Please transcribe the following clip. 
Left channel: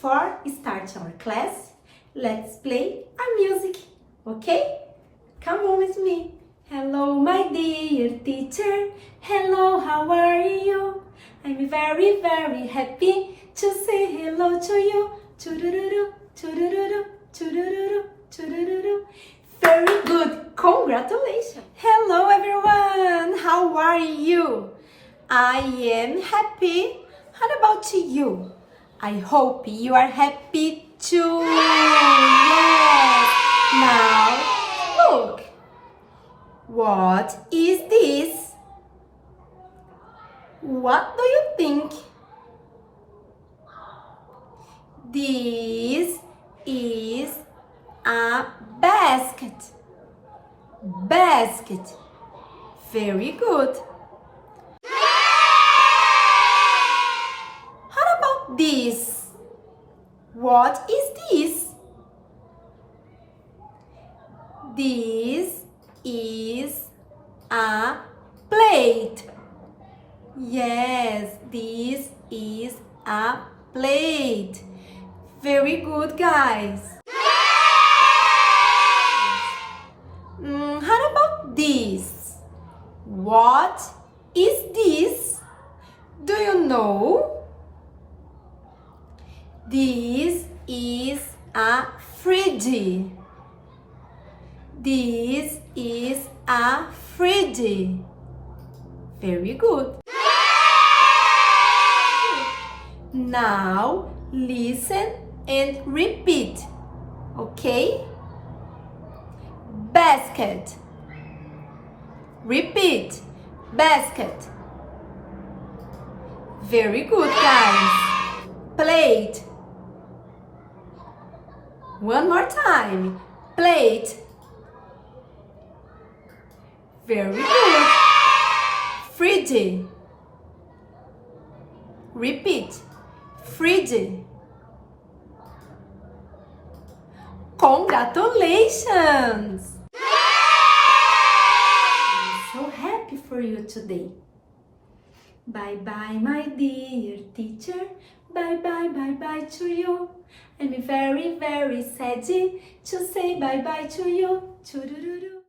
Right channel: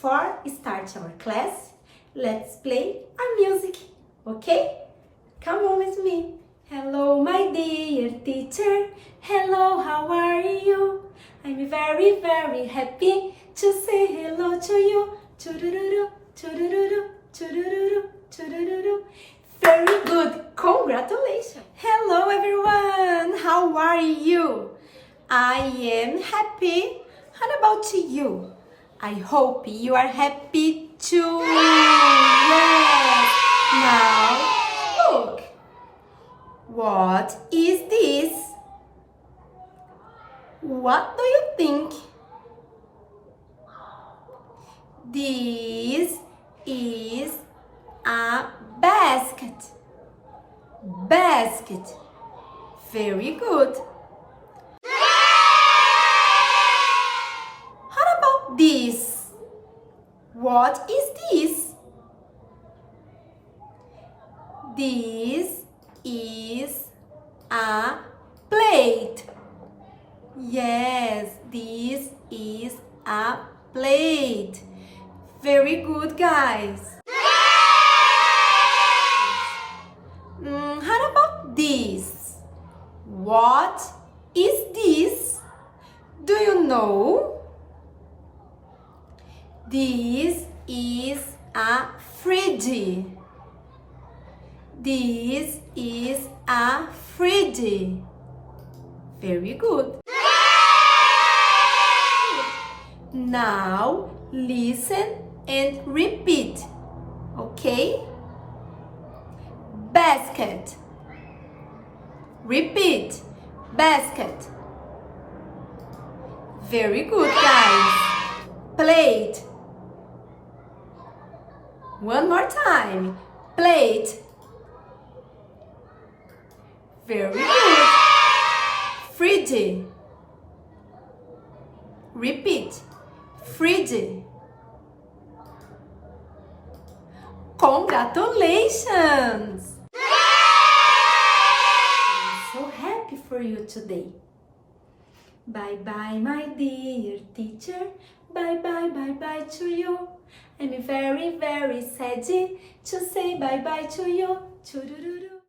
before start our class, let's play our music, okay? Come on with me. Hello, my dear teacher. Hello, how are you? I'm very, very happy to say hello to you. Churururu, churururu, churururu, churururu. Very good. Congratulations. Hello, everyone. How are you? I am happy. How about you? I hope you are happy too. Yes. Now, look. What is this? What do you think? This is a basket. Basket. Very good. How about this? What is this? This is a plate. Yes, this is a plate. Very good, guys. How about this? What is this? Do you know? This is a fridge. This is a fridge. Very good. Now listen and repeat. Okay? Basket. Repeat. Basket. Very good, guys. Plate. One more time. Plate. Very good. Fridge. Repeat. Fridge. Congratulations! I'm so happy for you today. Bye bye, my dear teacher. Bye bye, bye bye to you. I'm very, very sad to say bye bye to you. Churururu.